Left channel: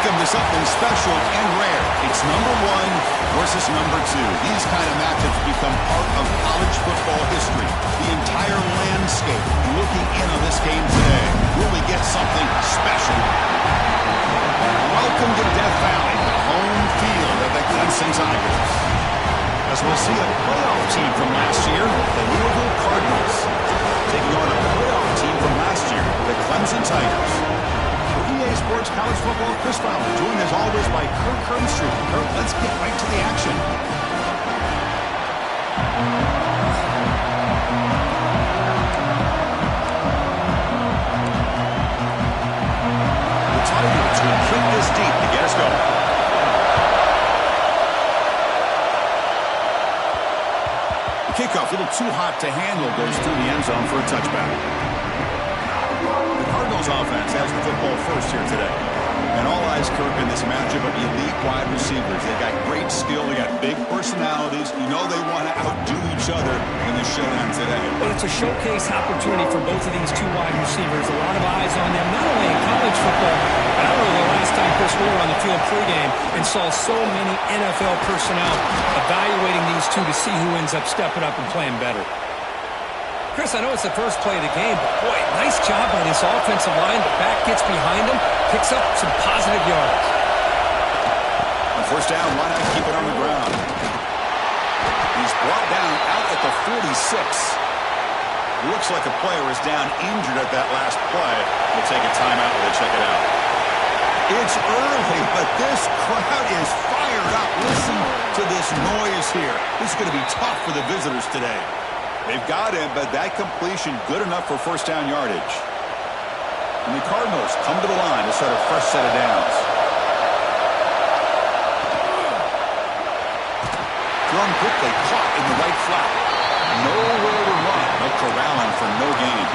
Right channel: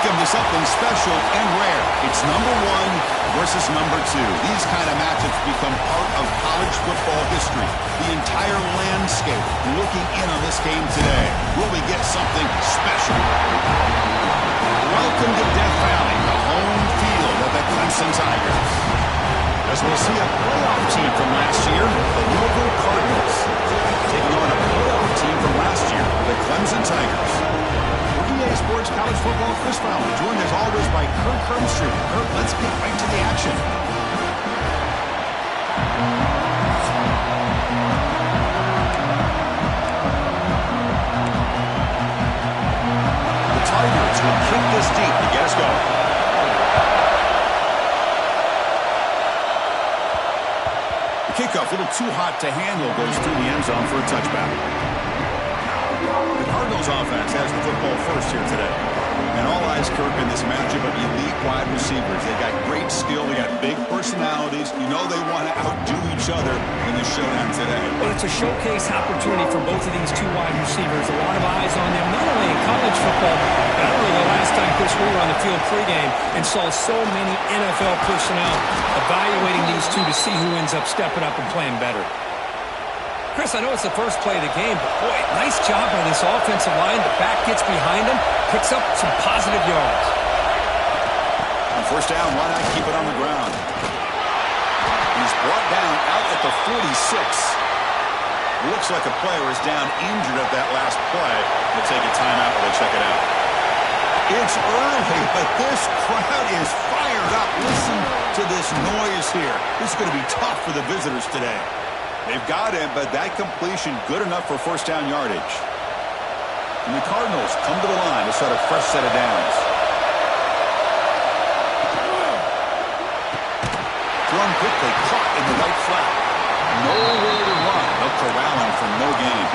welcome to something special and rare. It's number 1 versus number 2. These kind of matchups become part of college football history. The entire landscape looking in on this game today. Will we get something special? Welcome to Death Valley, the home field of the Clemson Tigers. As we'll see a playoff team from last year, the Louisville Cardinals, taking on a playoff team from last year, the Clemson Tigers. For EA Sports College Football, Chris Fowler, joined as always by Kirk Hermstreet. Kirk, let's get right to the action. The Tigers will kick this deep to get us going. The kickoff, a little too hot to handle, goes through the end zone for a touchback. The Cardinals offense has the football first here today. And all eyes, Kirk, in this matchup of elite wide receivers. They got great skill. They got big personalities. You know they want to outdo each other in the showdown today. Well, it's a showcase opportunity for both of these two wide receivers. A lot of eyes on them, not only in college football, but I don't know the last time, Chris, we were on the field pregame and saw so many NFL personnel evaluating these two to see who ends up stepping up and playing better. Chris, I know it's the first play of the game, but boy, nice job by this offensive line. The back gets behind him, picks up some positive yards. On first down, why not keep it on the ground? He's brought down out at the 46. Looks like a player is down injured at that last play. We'll take a timeout while they check it out. It's early, but this crowd is fired up. Listen to this noise here. This is going to be tough for the visitors today. They've got him, but that completion good enough for first down yardage. And the Cardinals come to the line to start a fresh set of downs. Thrown quickly, caught in the right flat. Nowhere to run. They'll corral him for no gain.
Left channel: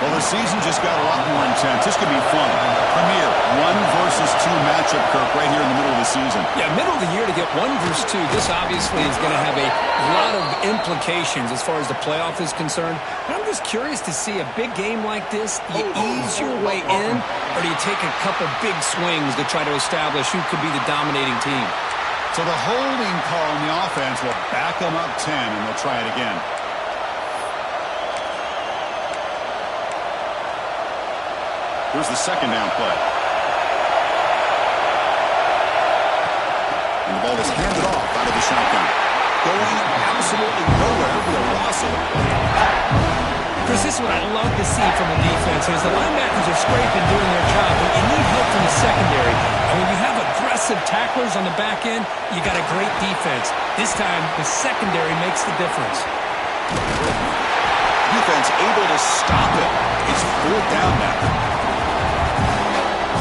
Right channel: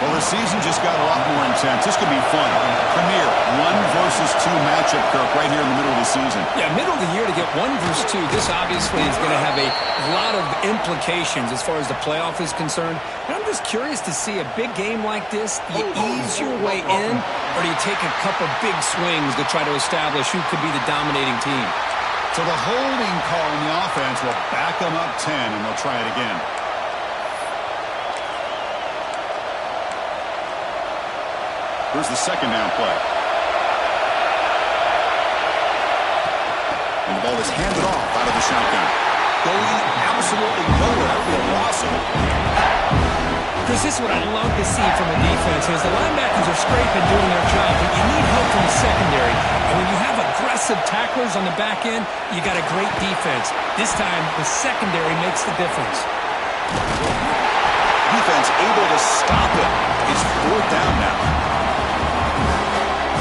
Well, the season just got a lot more intense. This could be fun. Premier 1 versus 2 matchup, Kirk, right here in the middle of the season. Yeah, middle of the year to get 1 versus 2. This obviously is going to have a lot of implications as far as the playoff is concerned. And I'm just curious to see a big game like this. Do you ease your way in, or do you take a couple big swings to try to establish who could be the dominating team? So the holding call on the offense will back them up 10, and they'll try it again. Here's the second down play. And the ball is handed off out of the shotgun. Going absolutely nowhere. That would be a loss of it. Chris, this is what I love to see from a defense is the linebackers are scraping, doing their job, but you need help from the secondary. And when you have aggressive tacklers on the back end, you got a great defense. This time, the secondary makes the difference. Defense able to stop it. It's fourth down now.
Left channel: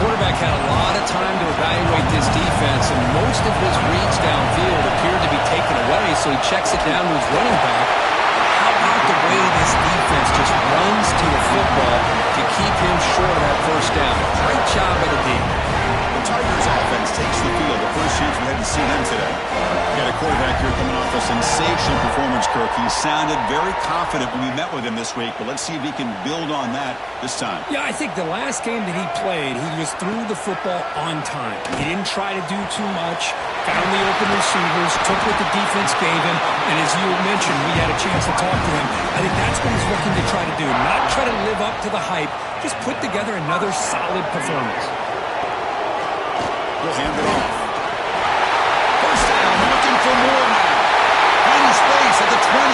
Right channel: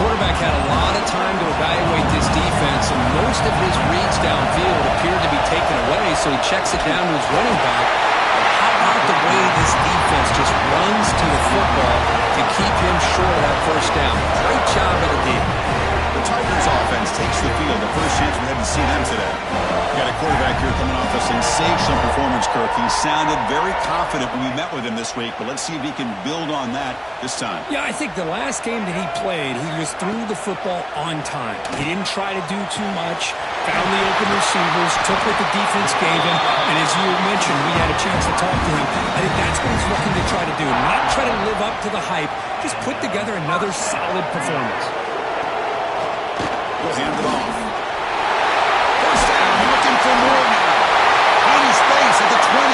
Quarterback had a lot of time to evaluate this defense, and most of his reads downfield appeared to be taken away, so he checks it down to his running back. But how about the way this defense just runs to the football to keep him short of that first down? Great job by the team. The Tigers offense takes the field. The first chance we had to see them today. We got a quarterback here coming off a sensational performance, Kirk. He sounded very confident when we met with him this week, but let's see if he can build on that this time. Yeah, I think the last game that he played, he just threw the football on time. He didn't try to do too much, found the open receivers, took what the defense gave him, and as you mentioned, we had a chance to talk to him. I think that's what he's looking to try to do, not try to live up to the hype, just put together another solid performance. He'll hand it off. First down, looking for more now. Finding space at the 20.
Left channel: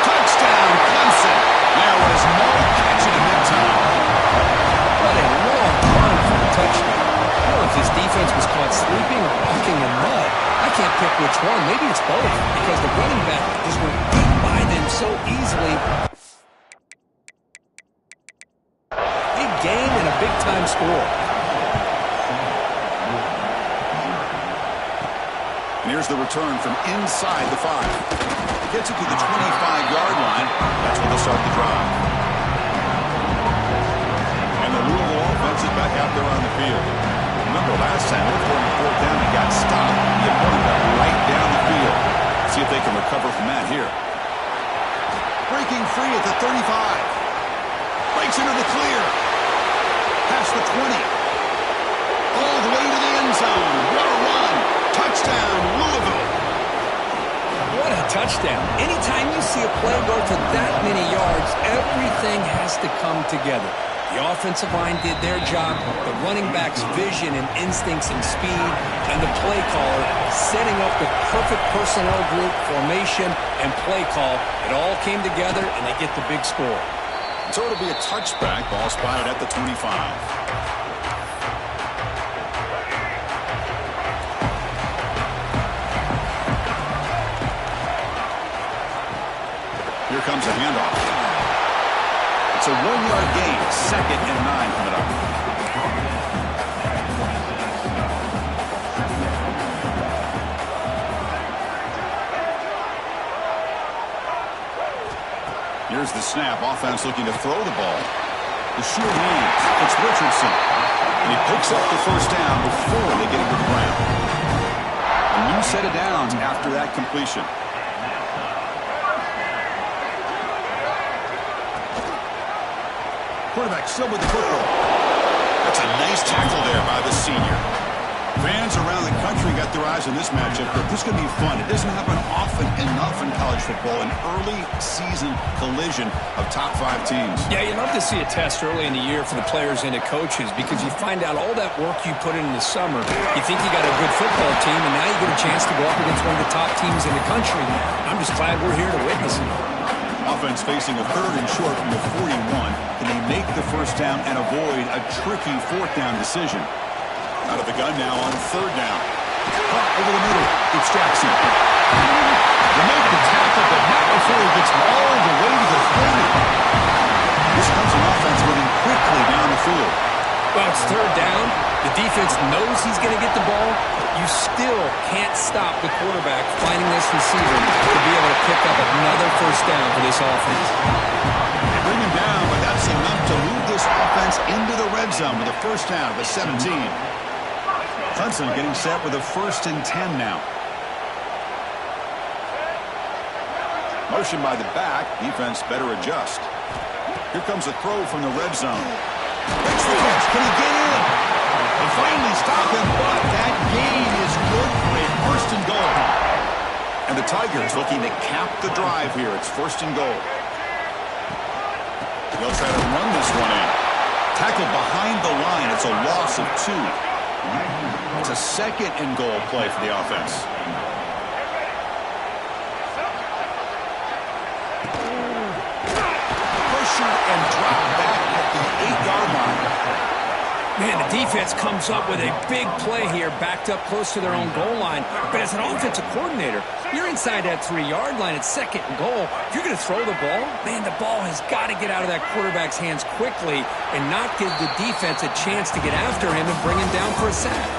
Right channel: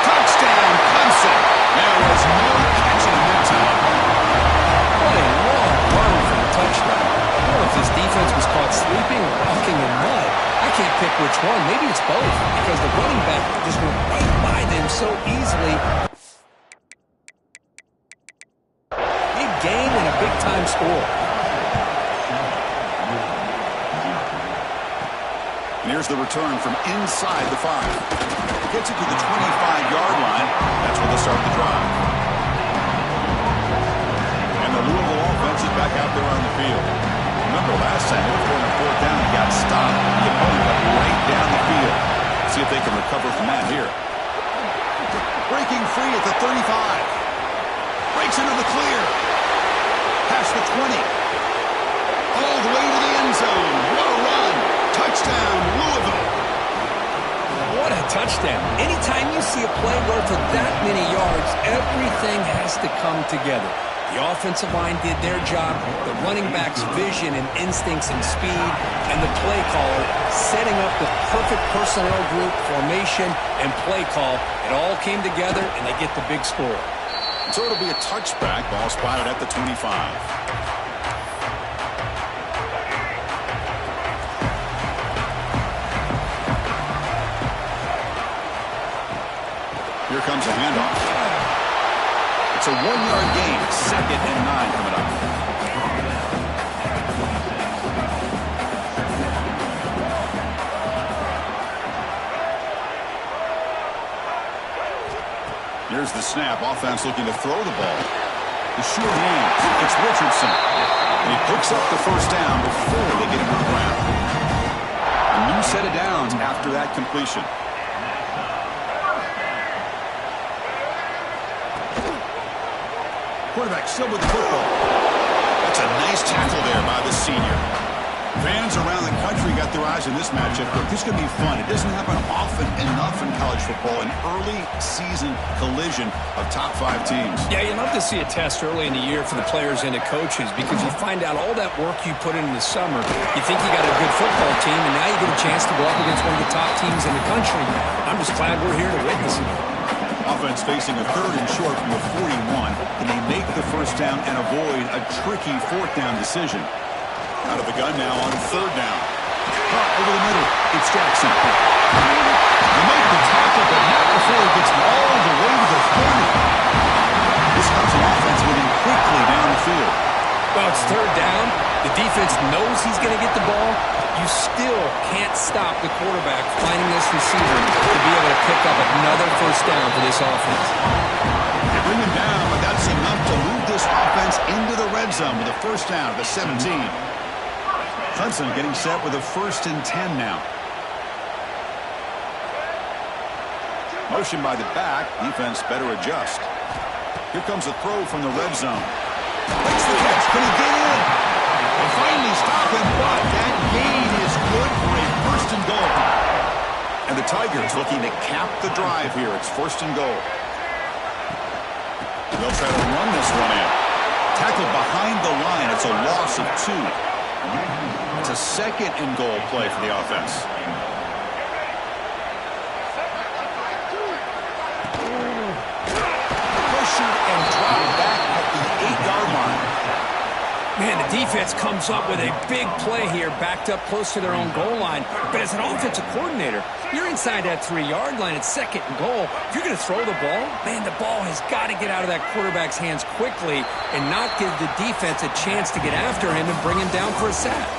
Touchdown, Clemson. There was no catching him that time. What a long run for the touchdown. I don't know if his defense was caught sleeping or walking in mud. I can't pick which one. Maybe it's both, because the running back just went beat by them so easily. Big gain and a big-time score. And here's the return from inside the 5. Gets it to the 25-yard line. That's where they'll start the drive. And the Louisville offense is back out there on the field. Remember last time, looked for him on fourth down and got stopped. The opponent got right down the field. See if they can recover from that here. Breaking free at the 35. Breaks into the clear. past the 20. All the way to the end zone. What a run. Touchdown, Louisville. What a touchdown. Anytime you see a play go for that many yards, everything has to come together. The offensive line did their job, the running back's vision and instincts and speed, and the play caller setting up the perfect personnel group, formation, and play call. It all came together, and they get the big score. So it'll be a touchback. Ball spotted at the 25. Here comes a handoff. It's a 1-yard gain. 2nd and 9 coming up. Here's the snap. Offense looking to throw the ball. The sure hands. It's Richardson. And he picks up the first down before they get him to the ground. A new set of downs after that completion. Quarterback still with the football. That's a nice tackle there by the senior. Fans around the country got their eyes on this matchup. This is going to be fun. It doesn't happen often enough in college football, an early season collision of top 5 teams. Yeah, you love to see a test early in the year for the players and the coaches because you find out all that work you put in the summer. You think you got a good football team, and now you get a chance to go up against one of the top teams in the country. I'm just glad we're here to witness it. Offense facing a 3rd and short from the 41. Can they make the first down and avoid a tricky 4th down decision? Out of the gun now on 3rd down. Caught over the middle. It's Jackson. They make the tackle, but not before he gets all the way to the 30. This comes an offense moving quickly down the field. Well, it's 3rd down. The defense knows he's going to get the ball. You still can't stop the quarterback finding this receiver to be able to pick up another first down for this offense. They bring him down, but that's enough to move this offense into the red zone with a first down at the 17. Clemson getting set with a 1st and 10 now. Motion by the back. Defense better adjust. Here comes a throw from the red zone. Makes the catch. Can he get in? They finally stop him, but that gain is good for a 1st and goal. And the Tigers looking to cap the drive here. It's 1st and goal. They'll try to run this one in. Tackled behind the line. It's a loss of 2. It's a 2nd and goal play for the offense. Pressured and dropped back at the 8-yard line. Man, the defense comes up with a big play here, backed up close to their own goal line. But as an offensive coordinator, you're inside that 3-yard line. It's 2nd and goal. If you're going to throw the ball, man, the ball has got to get out of that quarterback's hands quickly and not give the defense a chance to get after him and bring him down for a sack.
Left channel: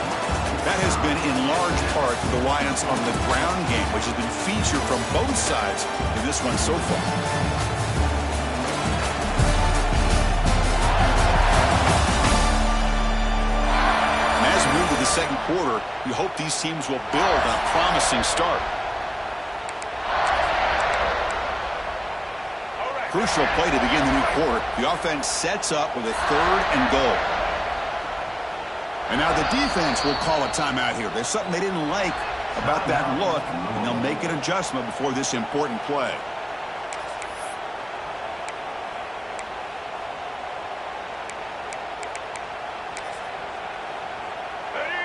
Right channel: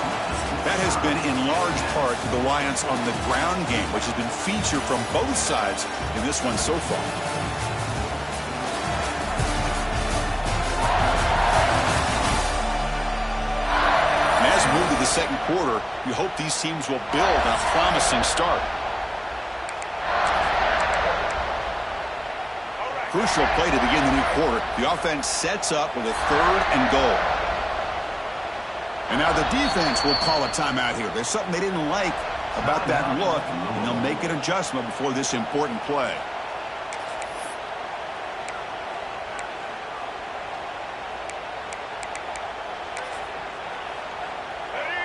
That has been in large part the reliance on the ground game, which has been featured from both sides in this one so far. And as we move to the 2nd quarter, you hope these teams will build on a promising start. Crucial play to begin the new quarter. The offense sets up with a 3rd and goal. And now the defense will call a timeout here. There's something they didn't like about that look, and they'll make an adjustment before this important play.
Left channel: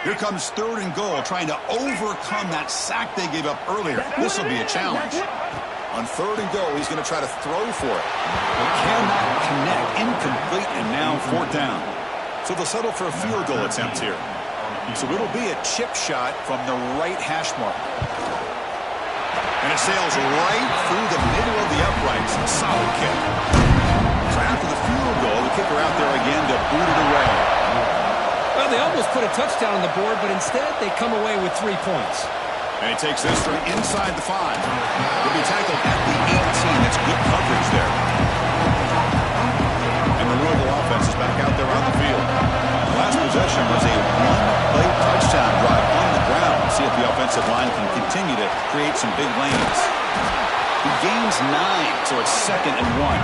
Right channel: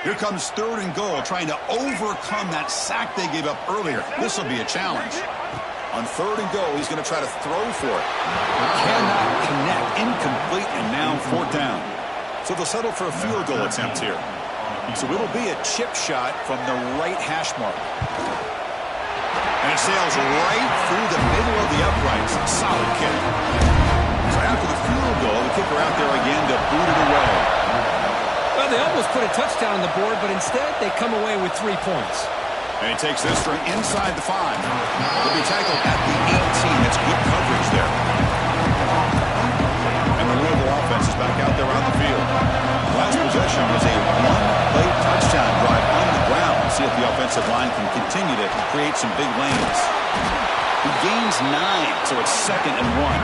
Here comes 3rd and goal, trying to overcome that sack they gave up earlier. This will be a challenge. On 3rd and goal, he's going to try to throw for it. But cannot connect. Incomplete, and now 4th down. So they'll settle for a field goal attempt here. So it'll be a chip shot from the right hash mark. And it sails right through the middle of the uprights. Solid kick. So after the field goal, the kicker out there again to boot it away. Well, they almost put a touchdown on the board, but instead they come away with 3 points. And he takes this from inside the 5. He'll be tackled at the 18. That's good coverage there. And the Louisville offense is back out there on the field. The last possession was a 1-play touchdown drive on the ground. See if the offensive line can continue to create some big lanes. He gains 9, so it's 2nd and 1.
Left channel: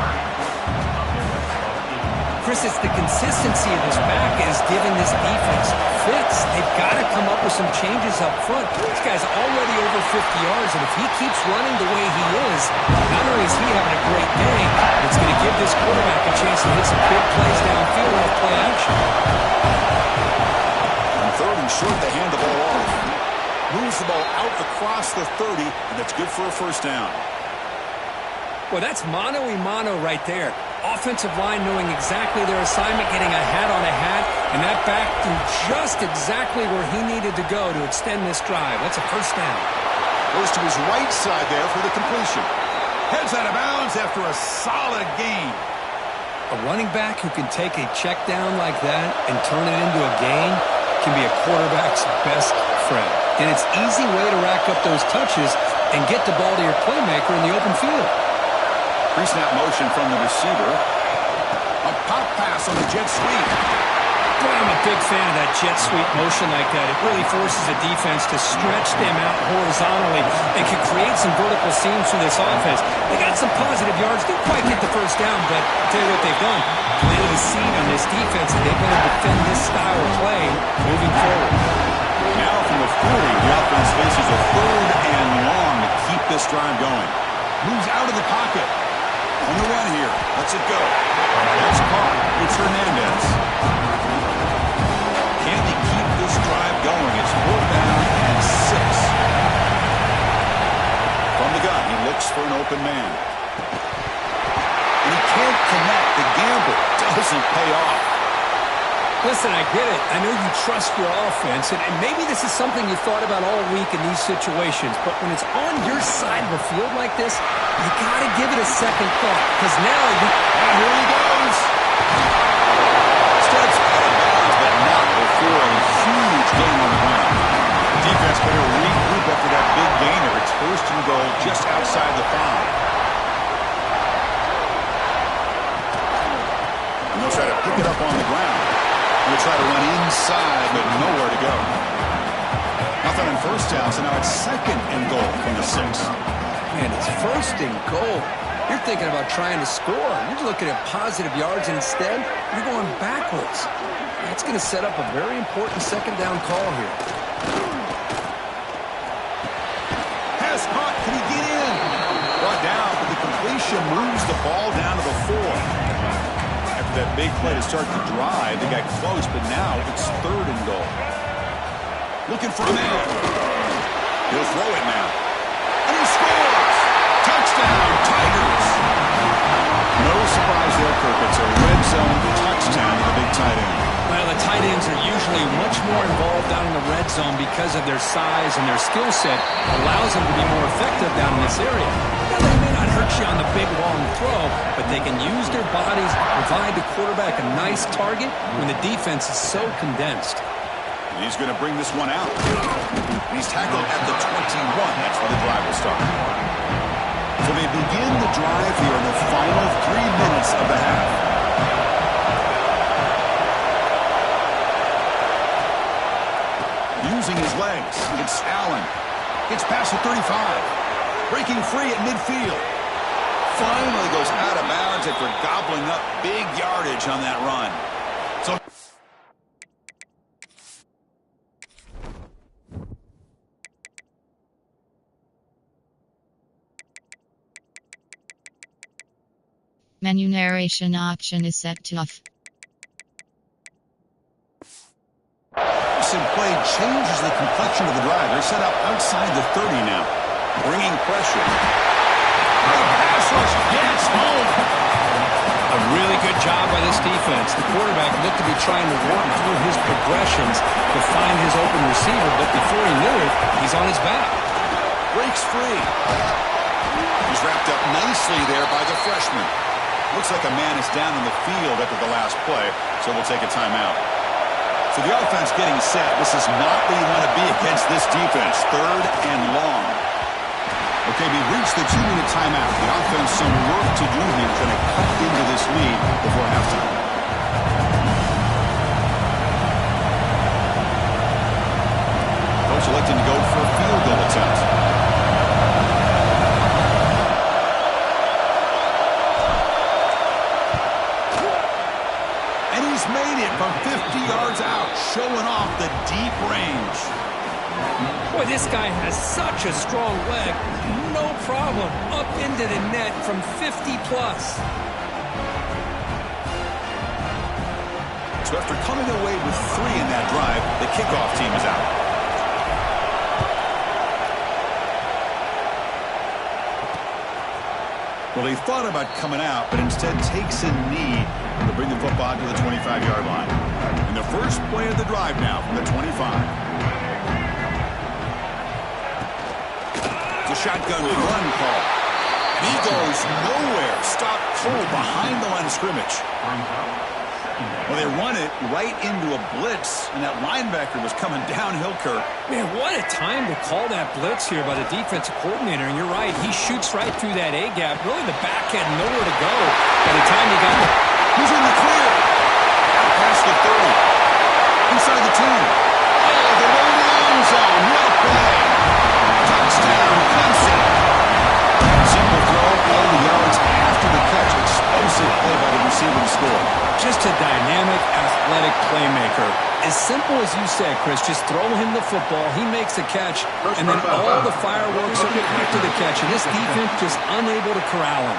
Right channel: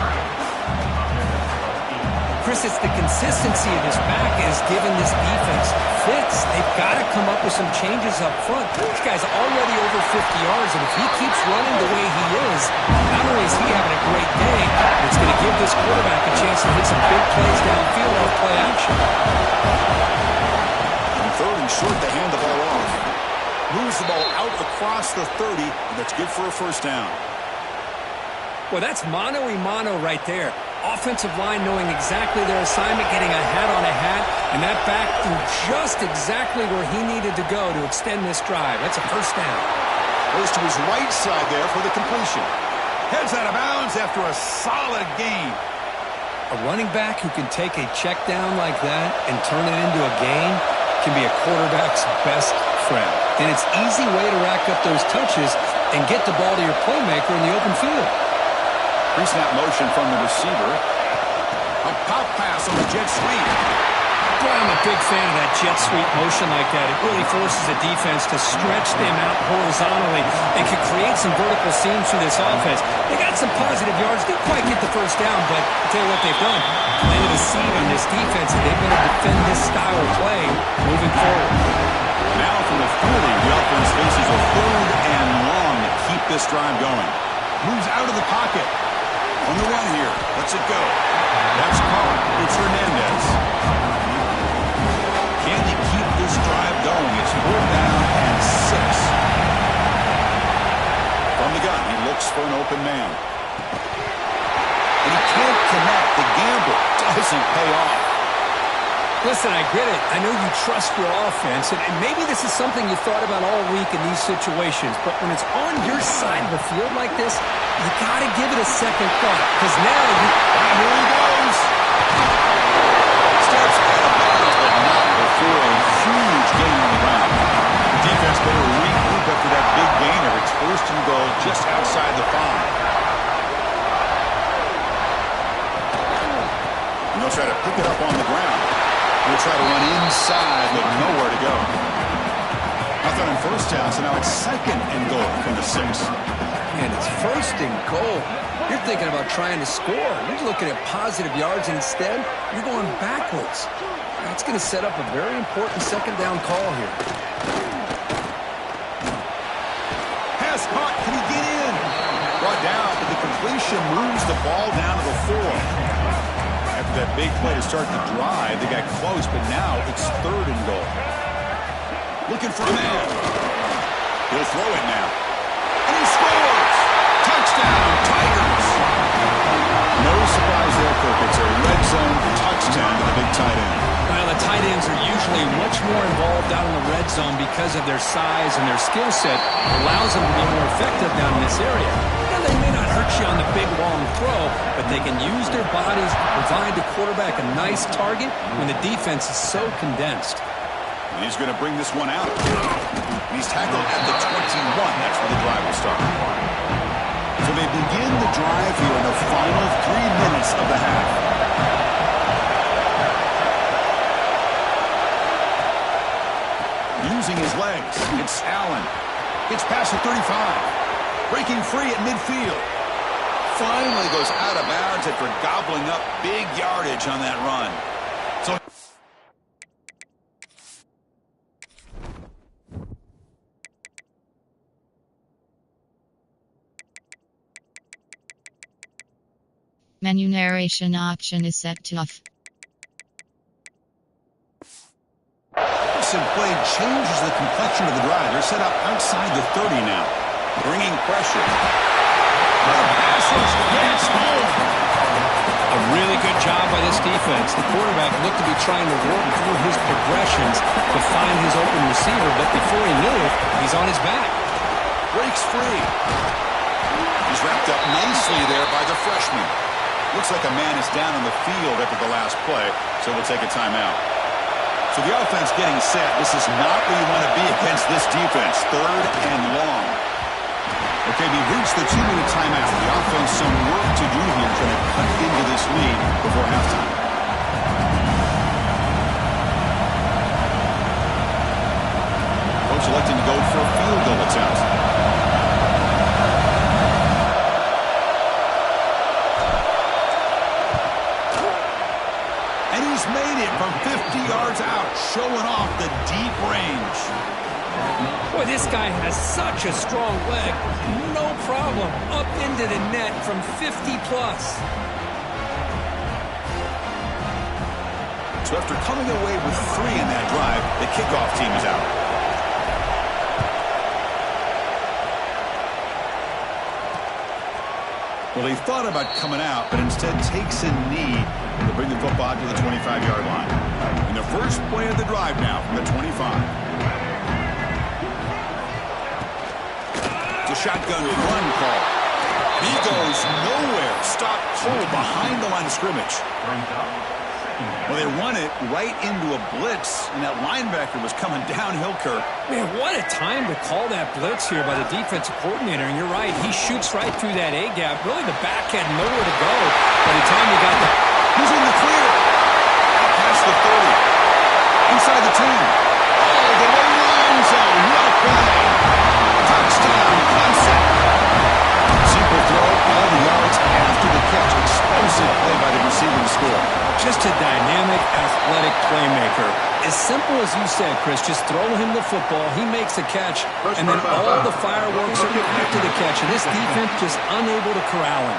Chris, it's the consistency of this back is giving this defense fits. They've got to come up with some changes up front. This guy's already over 50 yards, and if he keeps running the way he is, not only is he having a great day, but it's going to give this quarterback a chance to hit some big plays downfield off play action. On third and short, they hand the ball off. Moves the ball out across the 30, and that's good for a first down. Well, that's mano-a-mano right there. Offensive line knowing exactly their assignment, getting a hat on a hat, and that back threw just exactly where he needed to go to extend this drive. That's a first down. Goes to his right side there for the completion. Heads out of bounds after a solid gain. A running back who can take a check down like that and turn it into a gain can be a quarterback's best friend. And it's an easy way to rack up those touches and get the ball to your playmaker in the open field. Pre-snap motion from the receiver. A pop pass on the jet sweep. Boy, I'm a big fan of that jet sweep motion like that. It really forces the defense to stretch them out horizontally and can create some vertical seams through this offense. They got some positive yards. Didn't quite get the first down, but I'll tell you what they've done. Planted a seed on this defense, and they've got to defend this style of play moving forward. Now from the 40, the offense faces a third and long to keep this drive going. Moves out of the pocket. On the run here. Lets it go. That's caught. It's Hernandez. Can they keep this drive going? It's 4th down and 6. From the gun, he looks for an open man. And he can't connect. The gamble doesn't pay off. Listen, I get it. I know you trust your offense, and maybe this is something you thought about all week in these situations, but when it's on your side of the field like this, you got to give it a second thought, because now you... And here he goes. Steps out of bounds, but not before a huge gain on the ground. The defense better regroup after that big gainer. It's 1st and goal just outside the 5. And they'll try to pick it up on the ground. They'll try to run inside, but nowhere to go. Nothing on first down, so now it's 2nd and goal from the 6. Man, it's 1st and goal. You're thinking about trying to score. You're looking at positive yards, and instead, you're going backwards. That's going to set up a very important 2nd down call here. Pass caught. Can he get in? Brought down, but the completion moves the ball down to the 4. After that big play to start the drive, they got close, but now it's 3rd and goal. Looking for a man. He'll throw it now. And he scores! Touchdown, Tigers! No surprise there, Kirk. It's a red zone touchdown to the big tight end. Well, the tight ends are usually much more involved down in the red zone because of their size, and their skill set allows them to be more effective down in this area. Now, they may not hurt you on the big, long throw, but they can use their bodies to provide the quarterback a nice target when the defense is so condensed. And he's going to bring this one out. He's tackled at the 21. That's where the drive will start. So they begin the drive here in the final 3 minutes of the half. Using his legs, it's Allen. Gets past the 35. Breaking free at midfield. Finally goes out of bounds after gobbling up big yardage on that run. So menu narration option is set to off. Some play changes the complexion of the drive. They're set up outside the 30 now. Bringing pressure. The pass rush gets home. A really good job by this defense. The quarterback looked to be trying to work through his progressions to find his open receiver, but before he knew it, he's on his back. Breaks free. He's wrapped up nicely there by the freshman. Looks like a man is down on the field after the last play, so we'll take a timeout. So the offense getting set. This is not where you want to be against this defense. 3rd and long. Okay, we've reached the 2-minute timeout. The offense some work to do here trying to cut into this lead before halftime. Coach electing to go for a field goal attempt. it from 50 yards out, showing off the deep range. Boy, this guy has such a strong leg. No problem. Up into the net from 50+. So after coming away with 3 in that drive, the kickoff team is out. Well, he thought about coming out, but instead takes a knee to bring the football to the 25-yard line. And the first play of the drive now from the 25. It's a shotgun run call. And he goes nowhere. Stopped cold behind the line of scrimmage. Well, they run it right into a blitz, and that linebacker was coming downhill, Kirk. Man, what a time to call that blitz here by the defensive coordinator. And you're right, he shoots right through that A-gap. Really, the back had nowhere to go by the time he got the... He's in the clear. Out past the 30. Inside the 10. Oh, the way to the end zone. What a play. Touchdown, Clemson. Simple throw, all the yards after the catch. Explosive play by the receiver to score. Just a dynamic, athletic playmaker. As simple as you said, Chris, just throw him the football, he makes the catch, and then all the fireworks are after the catch, and this defense just unable to corral him.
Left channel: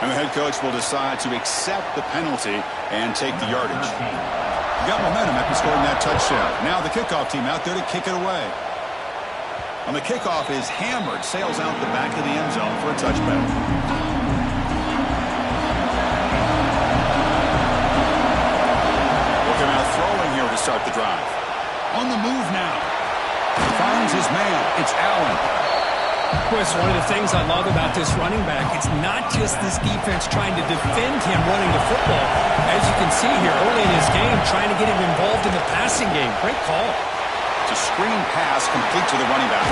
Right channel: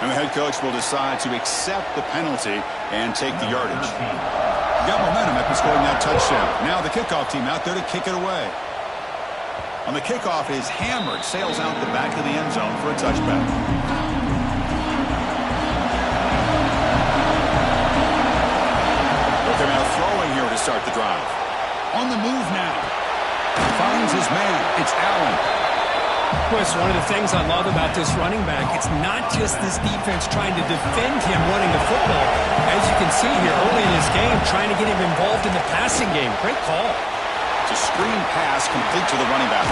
And the head coach will decide to accept the penalty and take the yardage. He got momentum after scoring that touchdown. Now the kickoff team out there to kick it away. On the kickoff is hammered, sails out the back of the end zone for a touchback. Look him out throwing here to start the drive. On the move now. Finds his man. It's Allen. Chris, one of the things I love about this running back, it's not just this defense trying to defend him running the football. As you can see here early in this game, trying to get him involved in the passing game. Great call. It's a screen pass complete to the running back.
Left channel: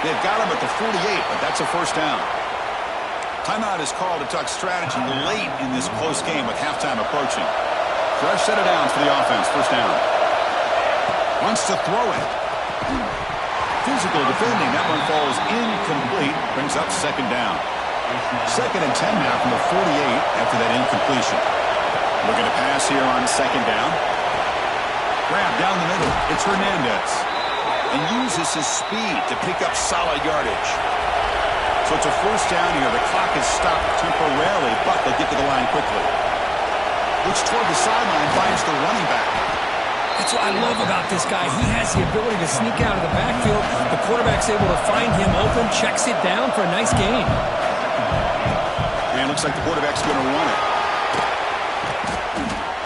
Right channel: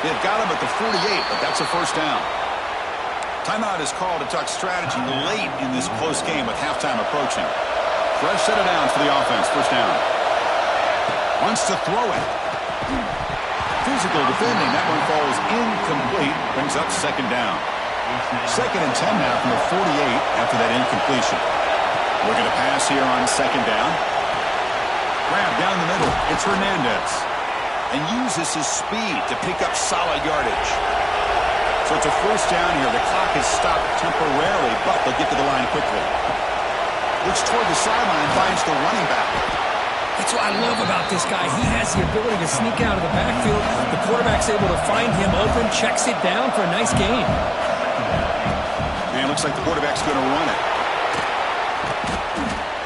They've got him at the 48, but that's a first down. Timeout is called to talk strategy late in this close game with halftime approaching. Fresh set of downs for the offense. First down. Wants to throw it. Physical defending. That one falls incomplete. Brings up second down. 2nd and 10 now from the 48 after that incompletion. Looking to pass here on second down. Grab down the middle. It's Hernandez. And uses his speed to pick up solid yardage. So it's a first down here. The clock is stopped temporarily, but they'll get to the line quickly. Looks toward the sideline, finds the running back. That's what I love about this guy. He has the ability to sneak out of the backfield. The quarterback's able to find him open, checks it down for a nice gain. And it looks like the quarterback's going to run it.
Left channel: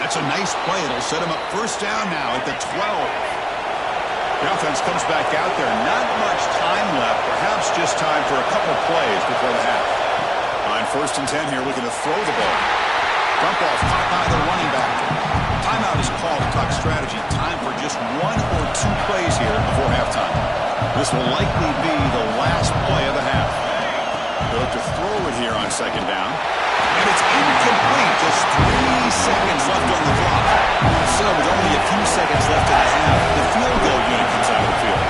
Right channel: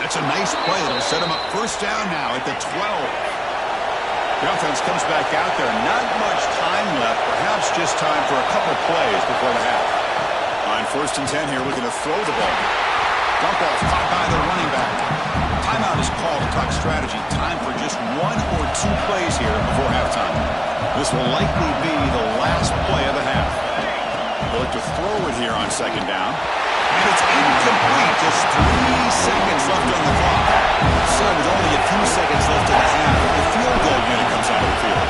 That's a nice play. It'll set him up first down now at the 12. The offense comes back out there. Not much time left. Perhaps just time for a couple plays before the half. On 1st and 10 here, looking to throw the ball. Dump off caught by the running back. Timeout is called to talk strategy. Time for just 1 or 2 plays here before halftime. This will likely be the last play of the half. They look to throw it here on second down. And it's incomplete. Just 3 seconds left on the clock. So with only a few seconds left in the half, the field goal unit comes out of the field.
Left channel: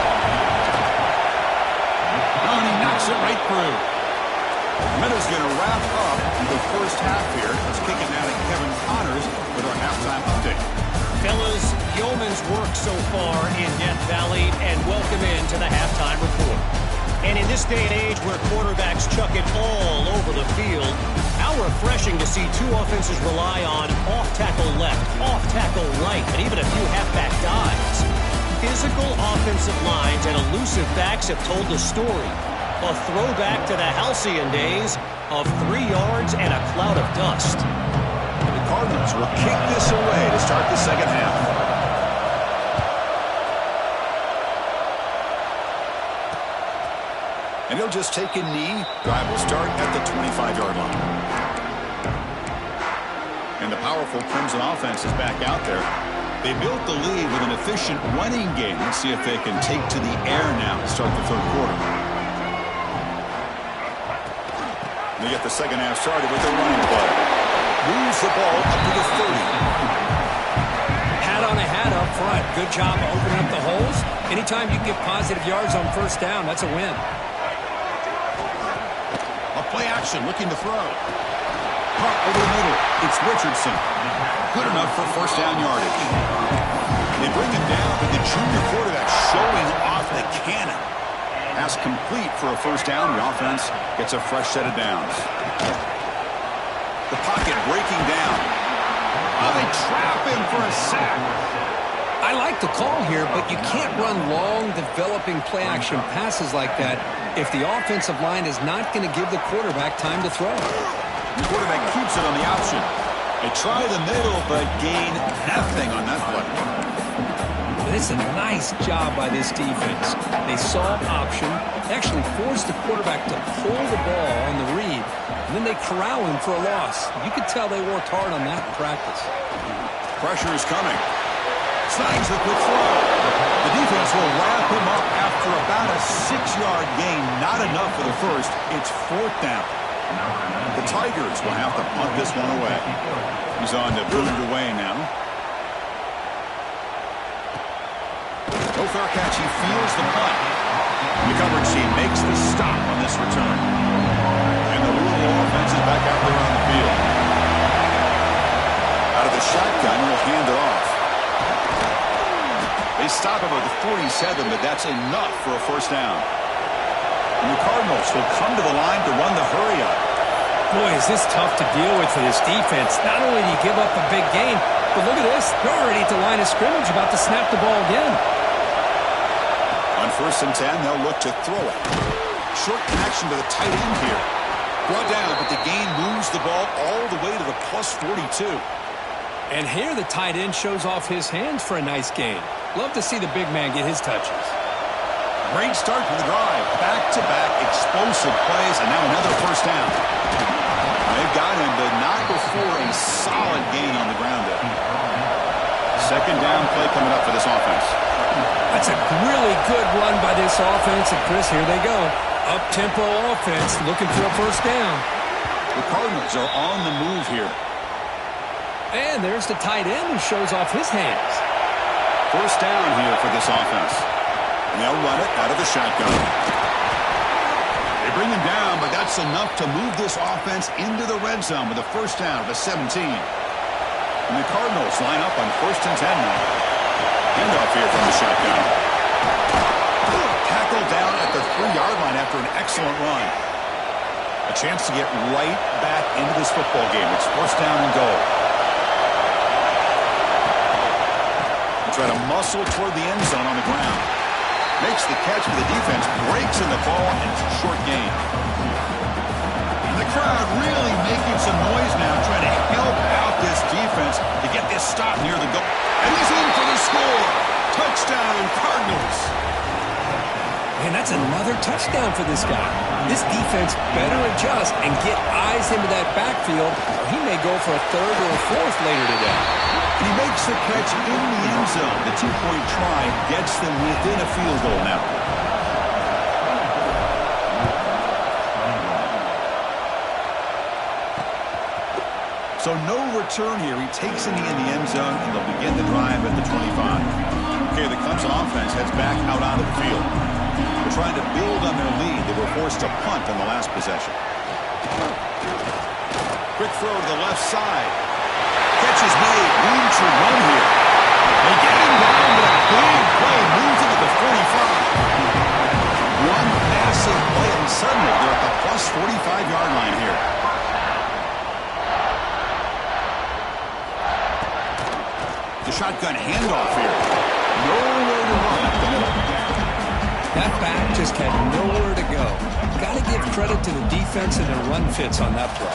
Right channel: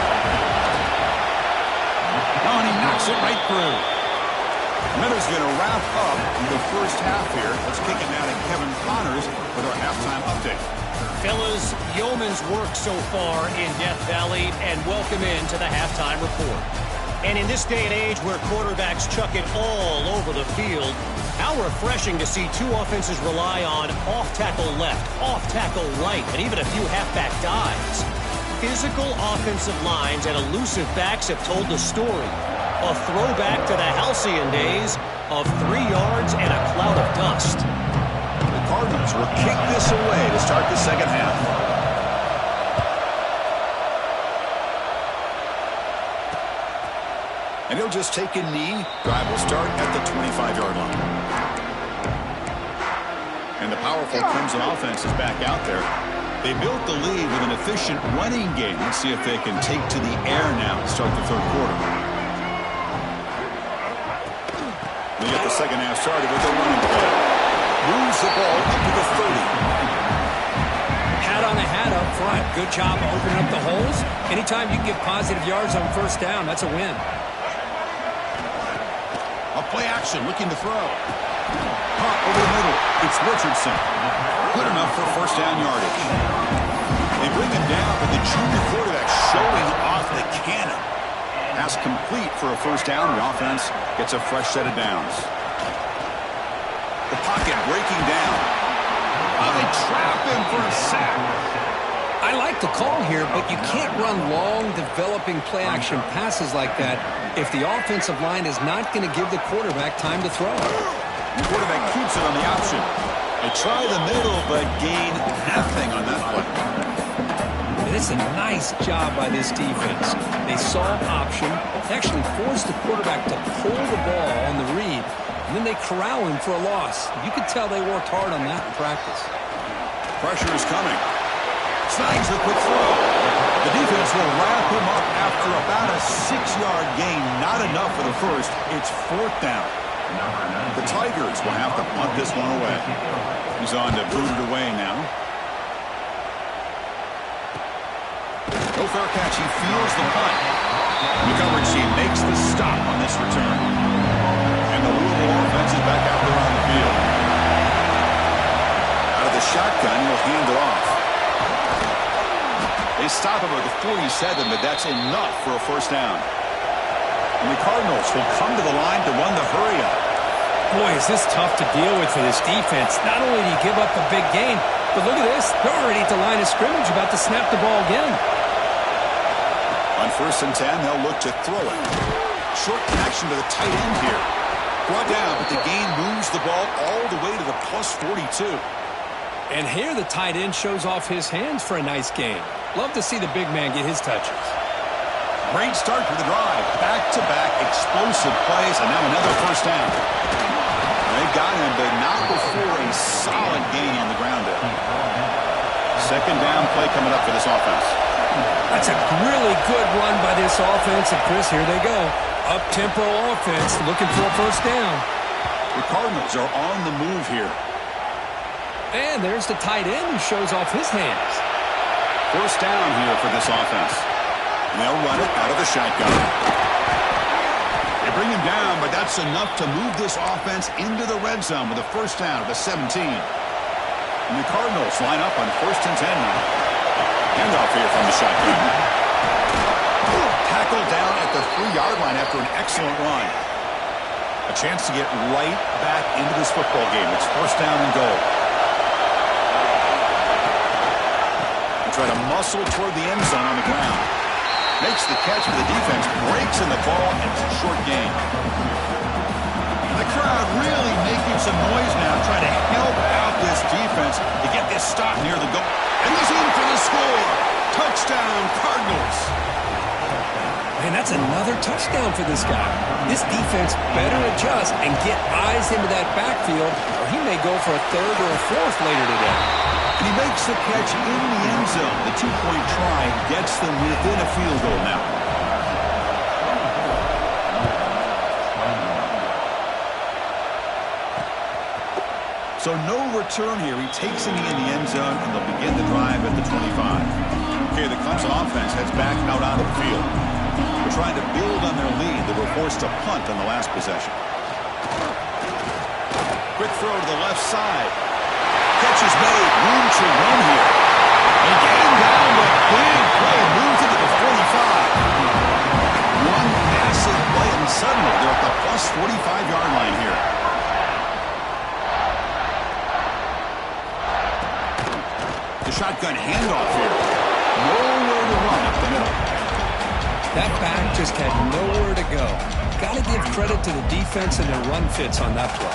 Oh, and he knocks it right through. Minutes going to wrap up the first half here. Let's kick it now to Kevin Connors with our halftime update. Fellas, yeoman's work so far in Death Valley, and welcome into the halftime report. And in this day and age where quarterbacks chuck it all over the field, how refreshing to see 2 offenses rely on off-tackle left, off-tackle right, and even a few halfback dives. Physical offensive lines and elusive backs have told the story. A throwback to the halcyon days of 3 yards and a cloud of dust. The Cardinals will kick this away to start the second half. And he'll just take a knee. Drive will start at the 25-yard line. And the powerful Crimson offense is back out there. They built the lead with an efficient running game. Let's see if they can take to the air now to start the third quarter. They get the second half started with a running play. Moves the ball up to the 30. Hat on a hat up front. Good job opening up the holes. Anytime you can get positive yards on first down, that's a win. A play action looking to throw. punt over the middle. It's Richardson. Good enough for first down yardage. They bring him down, but the junior quarterback showing off the cannon. Pass complete for a first down. The offense gets a fresh set of downs. The pocket breaking down. Oh, they trap him for a sack. I like the call here, but you can't run long, developing play-action passes like that if the offensive line is not going to give the quarterback time to throw. The quarterback keeps it on the option. They try the middle, but gain nothing on that play. It's a nice job by this defense. They saw option, actually forced the quarterback to pull the ball on the read, and then they corral him for a loss. You could tell they worked hard on that in practice. Pressure is coming. Snags the quick throw. The defense will wrap him up after about a 6-yard gain. Not enough for the first. It's fourth down. The Tigers will have to punt this one away. He's on to boot it away now. No fair catch. He feels the punt. The coverage team makes the stop on this return. And the Louisville offense is back out there on the field. Out of the shotgun, he'll hand it off. They stop him at the 47, but that's enough for a first down. And the Cardinals will come to the line to run the hurry up. Boy, is this tough to deal with for this defense. Not only do you give up a big gain, but look at this. They're already at the line of scrimmage, about to snap the ball again. On 1st and 10, they'll look to throw it. Short connection to the tight end here. Brought down, but the gain moves the ball all the way to the plus 42. And here the tight end shows off his hands for a nice gain. Love to see the big man get his touches. Great start for the drive. Back-to-back explosive plays, and now another first down. They've got him, but not before a solid gain on the ground there. Second down play coming up for this offense. That's a really good run by this offense. And, Chris, here they go. Up-tempo offense looking for a first down. The Cardinals are on the move here. And there's the tight end who shows off his hands. First down here for this offense. And they'll run it out of the shotgun. They bring him down, but that's enough to move this offense into the red zone with a first down at the 17. And the Cardinals line up on 1st and 10 now. Handoff here from the shotgun. Tackled down at the 3-yard line after an excellent run. A chance to get right back into this football game. It's first down and goal. Try to muscle toward the end zone on the ground. Makes the catch for the defense, breaks in the ball, and it's a short gain. And the crowd really making some noise now, trying to help out this defense to get this stop near the goal. And he's in for the score. Touchdown, Cardinals. Man, that's another touchdown for this guy. This defense better adjust and get eyes into that backfield, or he may go for a third or a fourth later today. And he makes the catch in the end zone. The 2-point try gets them within a field goal now. So no return here. He takes it in the end zone, and they'll begin the drive at the 25. Okay, the Clemson offense heads back out onto the field. They're trying to build on their lead. They were forced to punt on the last possession. Quick throw to the left side. Catch is made. Room to run here. They get him down, but big play moves into the 45. One massive play, and suddenly they're at the plus 45-yard line here. The shotgun handoff here. Nowhere to run up the middle. That back just had nowhere to go. Got to give credit to the defense and their run fits on that play.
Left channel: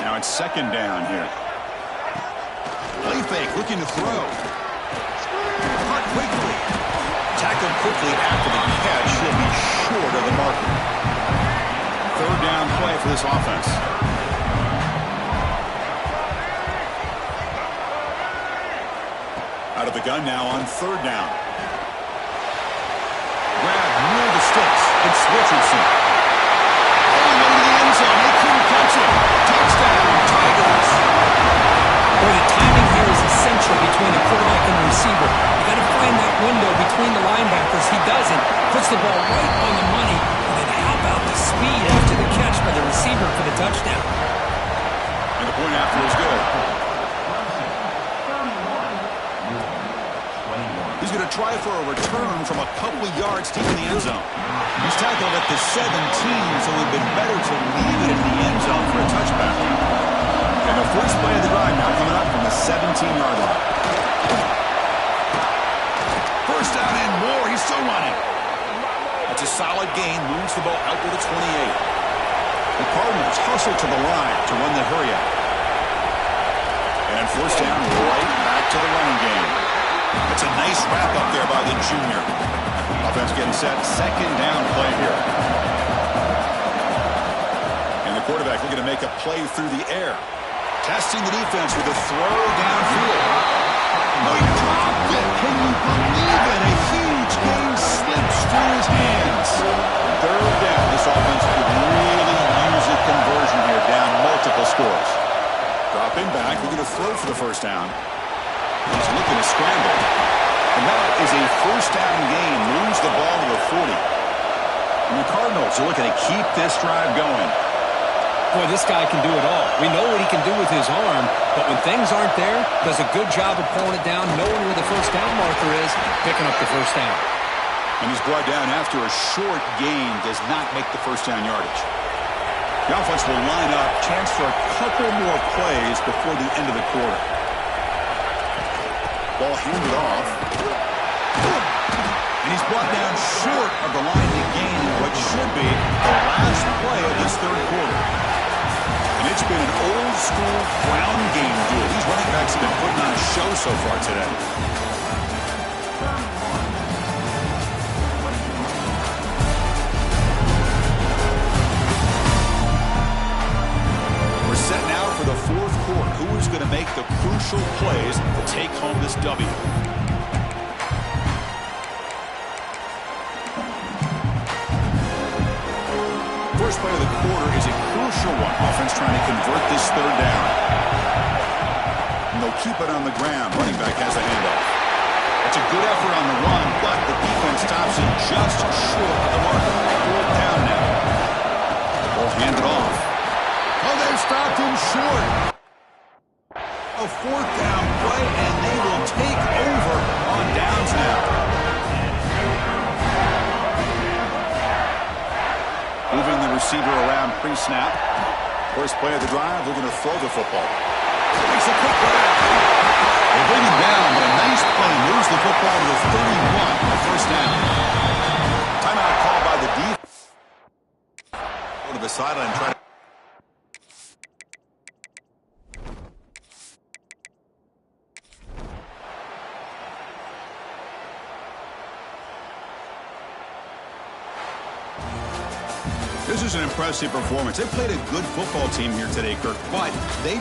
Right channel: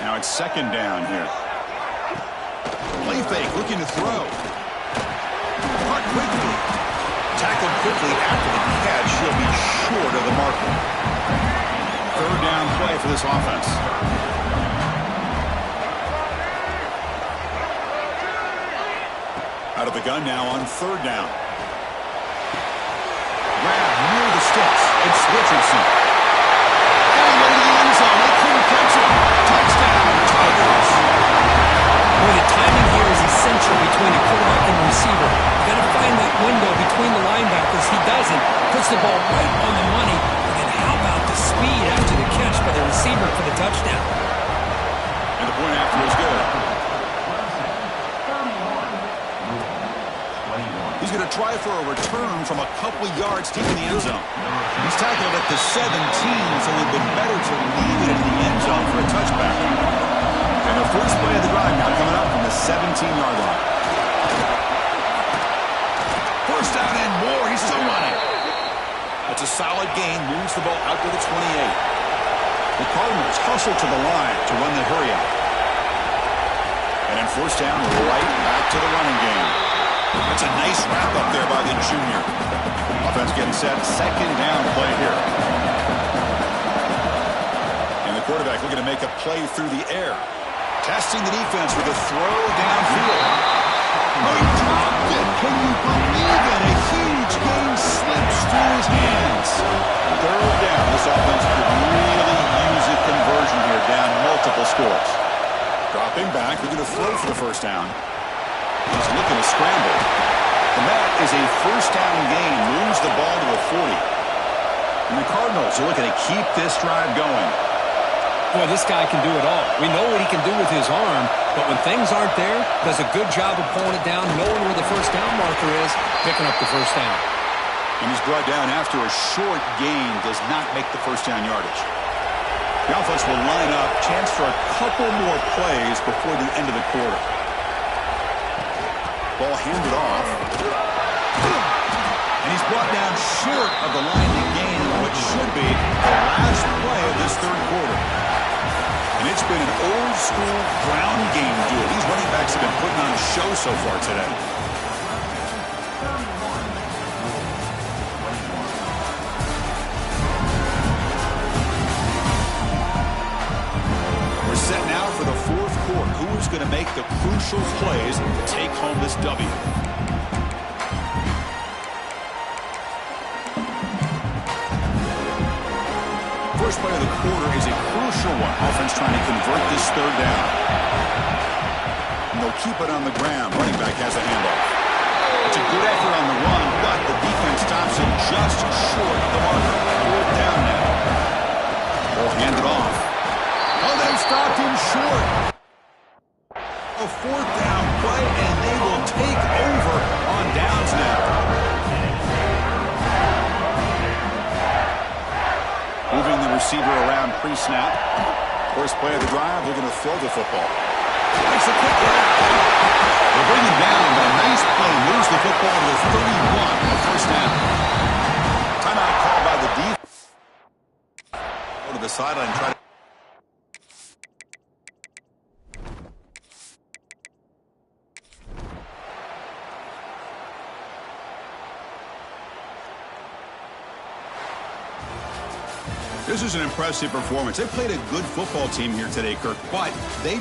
Now it's second down here. Play fake, looking to throw. Caught quickly. Tackled quickly after the catch. He'll be short of the marker. Third down play for this offense. Out of the gun now on third down. Grab near the sticks. It's Richardson. All the way to the end zone. They couldn't catch him. Touchdown, Tigers. Boy, the timing here is essential between the quarterback and the receiver. You got to find that window between the linebackers. He doesn't. Puts the ball right on the money. And then how about the speed after the catch by the receiver for the touchdown? Point after is good. He's going to try for a return from a couple yards deep in the end zone. He's tackled at the 17, so it would have been better to leave it in the end zone for a touchback. And the first play of the drive now coming up from the 17-yard line. First down and more. He's still running. That's a solid gain. Moves the ball out to the 28. The Cardinals hustle to the line to run the hurry out. And then first down, right back to the running game. That's a nice wrap up there by the junior. Offense getting set. Second down play here. And the quarterback looking to make a play through the air. Testing the defense with a throw downfield. Oh, he dropped it. Can you believe it? A huge gain slips through his hands. Third down. This offense could really use a conversion here, down multiple scores. Dropping back. Looking to throw for the first down. He's looking to scramble. And that is a first down gain. Moves the ball to the 40. And the Cardinals are looking to keep this drive going. Boy, this guy can do it all. We know what he can do with his arm, but when things aren't there, does a good job of pulling it down, knowing where the first down marker is, picking up the first down. And he's brought down after a short gain, does not make the first down yardage. The offense will line up, chance for a couple more plays before the end of the quarter. Ball handed off. And he's brought down short of the line to gain what should be the last play of this third quarter. And it's been an old-school ground game duel. These running backs have been putting on a show so far today. We're set now for the fourth quarter. Who is going to make the crucial plays to take home this W? First play of the quarter is a crucial one. Offense trying to convert this third down. And they'll keep it on the ground. Running back has a handoff. It's a good effort on the run, but the defense stops him just short of the marker. Fourth down now. Ball handed off. Oh, they've stopped him short. A fourth down play, and they will take over on downs now. Moving the receiver around pre-snap. First play of the drive, they're going to throw the football. Makes a quick grab. They bring him down, but a nice play moves the football to the 31 on the first down. Timeout called by the defense. Go to the sideline and try to... This is an impressive performance. They played a good football team here today, Kirk, but they